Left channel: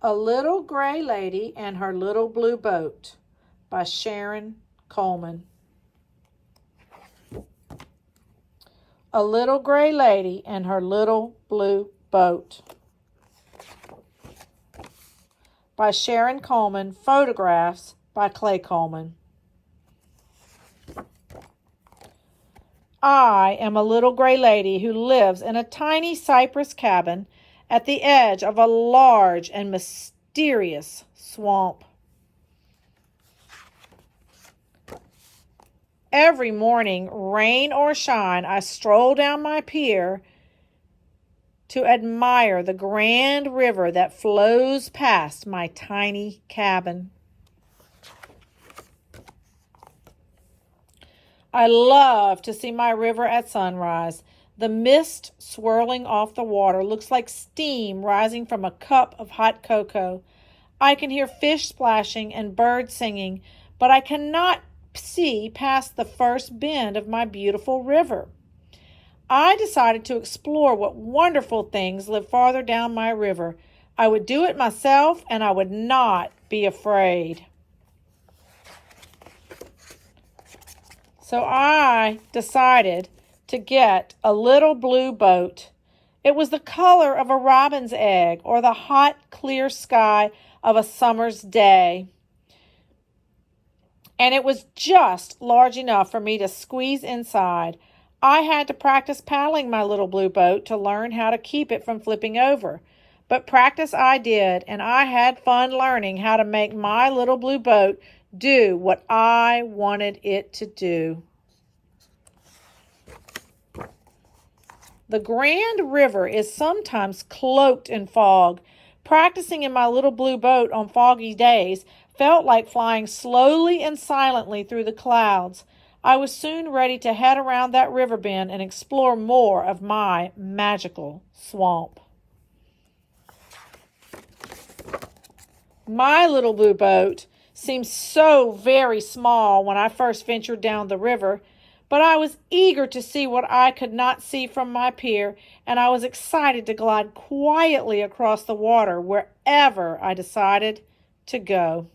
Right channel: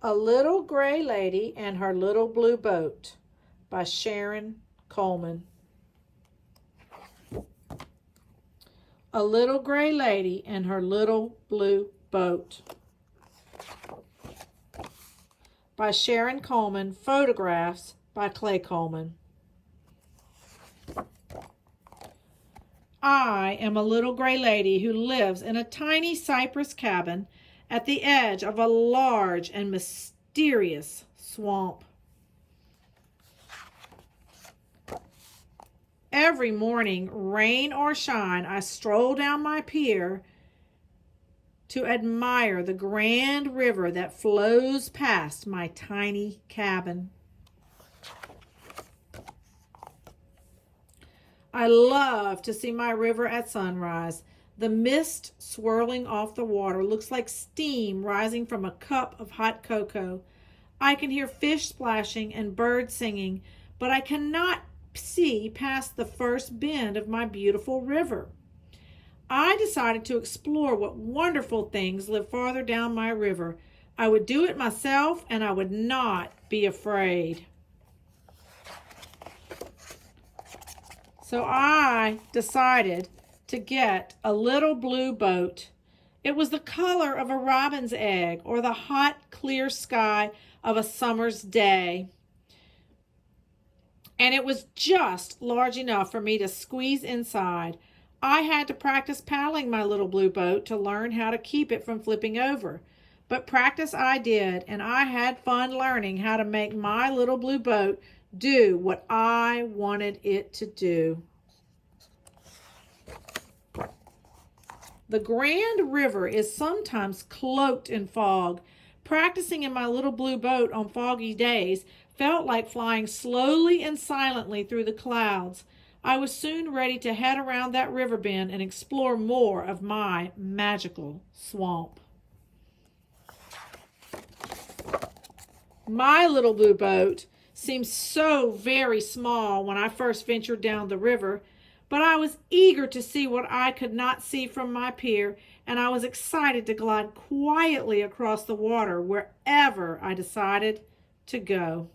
A Little Gray Lady and Her Little Blue Boat by Sharon Coleman. A Little Gray Lady and Her Little Blue Boat by Sharon Coleman. Photographs by Clay Coleman. I am a little gray lady who lives in a tiny cypress cabin at the edge of a large and mysterious swamp. Every morning, rain or shine, I stroll down my pier to admire the grand river that flows past my tiny cabin. I love to see my river at sunrise. The mist swirling off the water looks like steam rising from a cup of hot cocoa. I can hear fish splashing and birds singing, but I cannot see past the first bend of my beautiful river. I decided to explore what wonderful things live farther down my river. I would do it myself, and I would not be afraid. So I decided to get a little blue boat. It was the color of a robin's egg or the hot, clear sky of a summer's day. And it was just large enough for me to squeeze inside. I had to practice paddling my little blue boat to learn how to keep it from flipping over. But practice I did, and I had fun learning how to make my little blue boat do what I wanted it to do. The Grand River is sometimes cloaked in fog. Practicing in my little blue boat on foggy days felt like flying slowly and silently through the clouds. I was soon ready to head around that river bend and explore more of my magical swamp. My little blue boat seemed so very small when I first ventured down the river, but I was eager to see what I could not see from my pier, and I was excited to glide quietly across the water wherever I decided to go.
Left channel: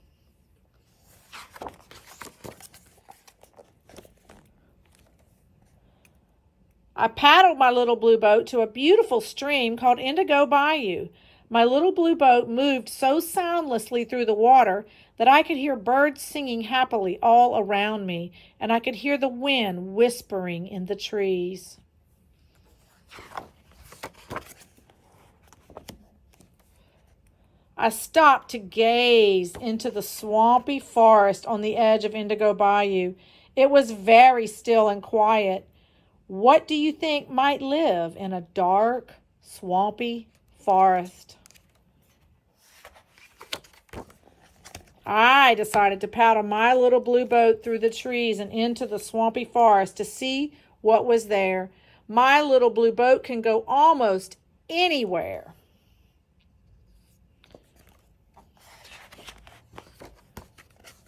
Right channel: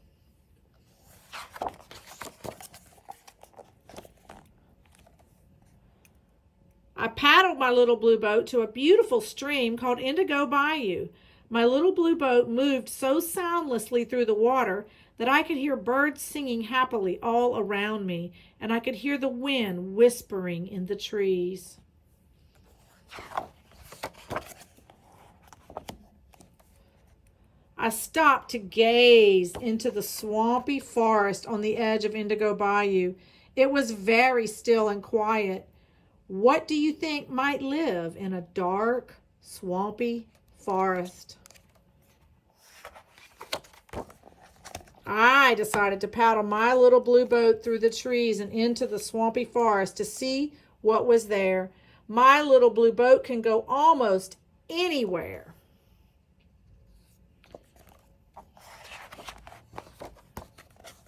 I paddled my little blue boat to a beautiful stream called Indigo Bayou. My little blue boat moved so soundlessly through the water that I could hear birds singing happily all around me, and I could hear the wind whispering in the trees. I stopped to gaze into the swampy forest on the edge of Indigo Bayou. It was very still and quiet. What do you think might live in a dark, swampy forest? I decided to paddle my little blue boat through the trees and into the swampy forest to see what was there. My little blue boat can go almost anywhere.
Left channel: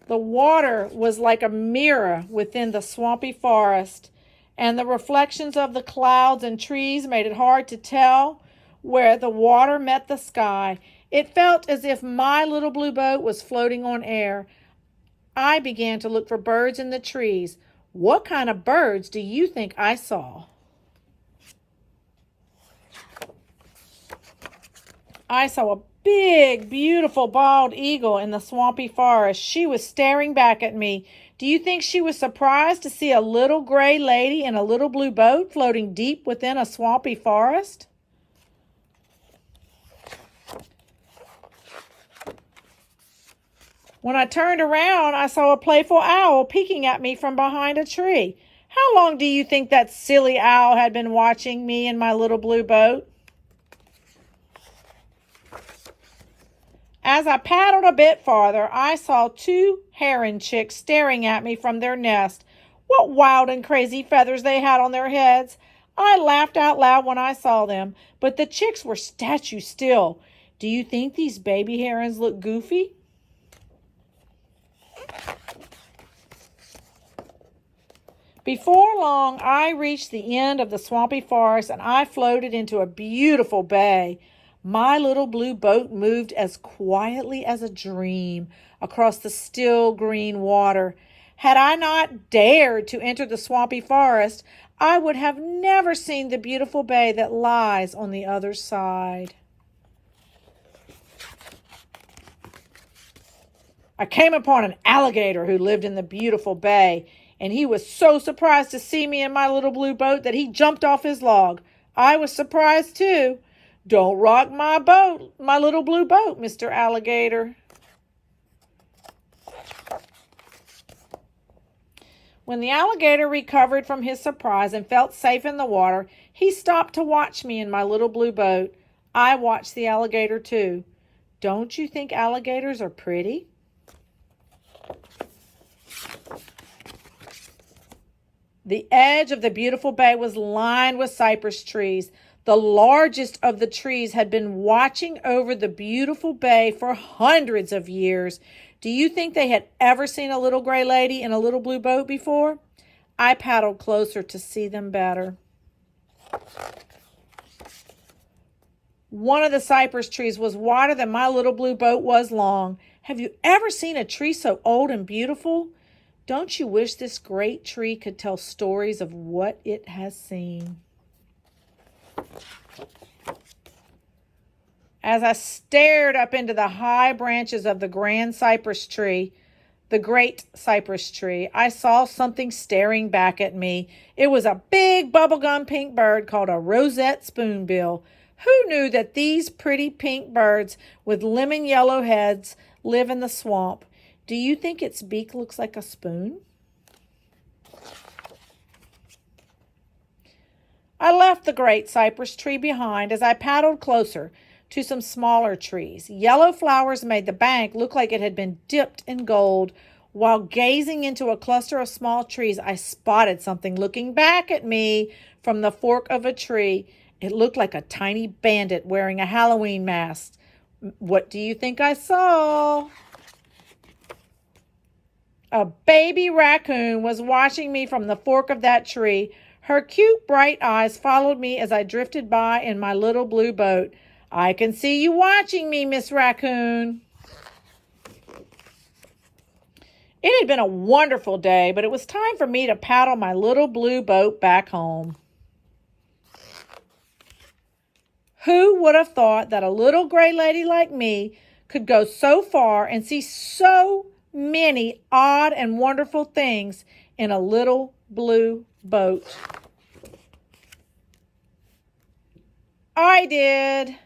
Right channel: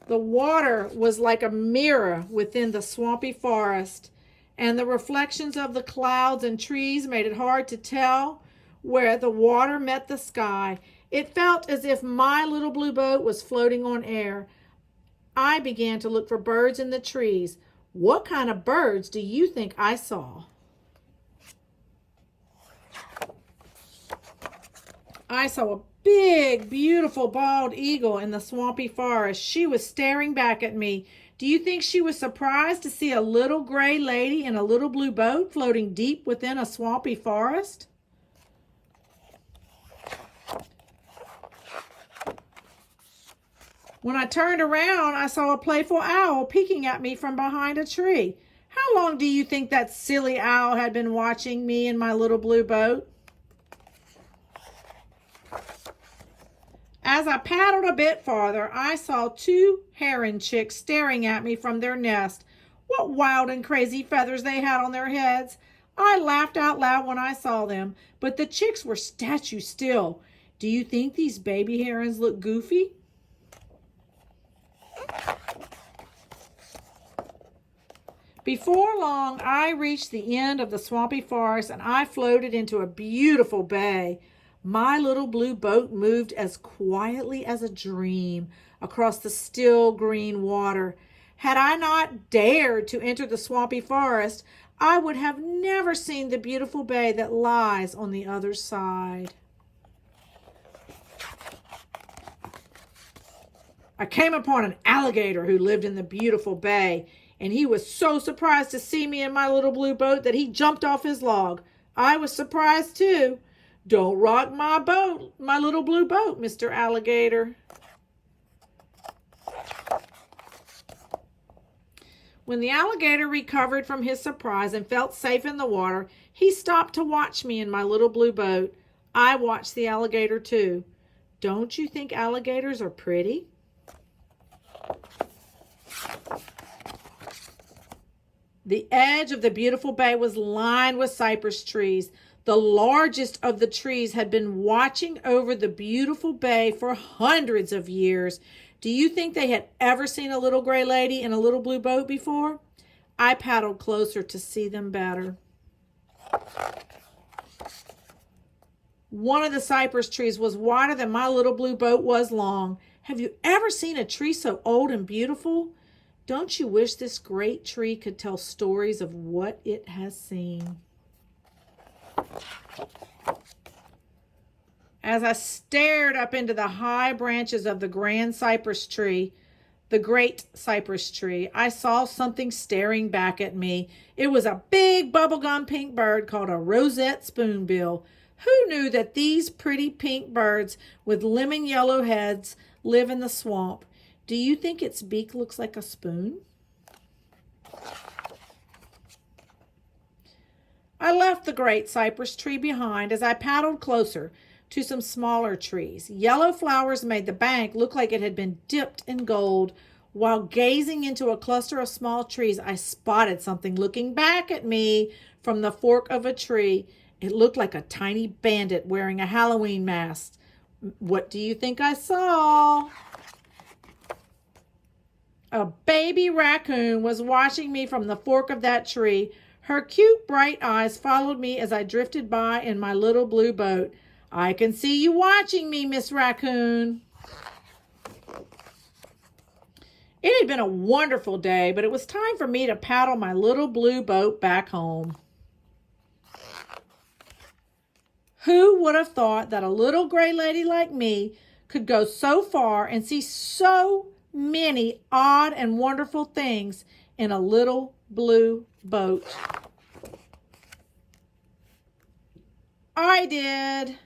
The water was like a mirror within the swampy forest, and the reflections of the clouds and trees made it hard to tell where the water met the sky. It felt as if my little blue boat was floating on air. I began to look for birds in the trees. What kind of birds do you think I saw? I saw a big, beautiful bald eagle in the swampy forest. She was staring back at me. Do you think she was surprised to see a little gray lady in a little blue boat floating deep within a swampy forest? When I turned around, I saw a playful owl peeking at me from behind a tree. How long do you think that silly owl had been watching me in my little blue boat? As I paddled a bit farther, I saw two heron chicks staring at me from their nest. What wild and crazy feathers they had on their heads. I laughed out loud when I saw them, but the chicks were statue still. Do you think these baby herons look goofy? Before long, I reached the end of the swampy forest and I floated into a beautiful bay. My little blue boat moved as quietly as a dream across the still green water. Had I not dared to enter the swampy forest, I would have never seen the beautiful bay that lies on the other side. I came upon an alligator who lived in the beautiful bay, and he was so surprised to see me in my little blue boat that he jumped off his log. I was surprised too. "Don't rock my boat, my little blue boat, Mr. Alligator." When the alligator recovered from his surprise and felt safe in the water, he stopped to watch me in my little blue boat. I watched the alligator too. Don't you think alligators are pretty? The edge of the beautiful bay was lined with cypress trees. The largest of the trees had been watching over the beautiful bay for hundreds of years. Do you think they had ever seen a little gray lady in a little blue boat before? I paddled closer to see them better. One of the cypress trees was wider than my little blue boat was long. Have you ever seen a tree so old and beautiful? Don't you wish this great tree could tell stories of what it has seen? As I stared up into the high branches of the great cypress tree, I saw something staring back at me. It was a big bubblegum pink bird called a rosette spoonbill. Who knew that these pretty pink birds with lemon yellow heads live in the swamp? Do you think its beak looks like a spoon? I left the great cypress tree behind as I paddled closer to some smaller trees. Yellow flowers made the bank look like it had been dipped in gold. While gazing into a cluster of small trees, I spotted something looking back at me from the fork of a tree. It looked like a tiny bandit wearing a Halloween mask. What do you think I saw? A baby raccoon was watching me from the fork of that tree. Her cute, bright eyes followed me as I drifted by in my little blue boat. "I can see you watching me, Miss Raccoon." It had been a wonderful day, but it was time for me to paddle my little blue boat back home. Who would have thought that a little gray lady like me could go so far and see so many odd and wonderful things in a little blue boat? I did.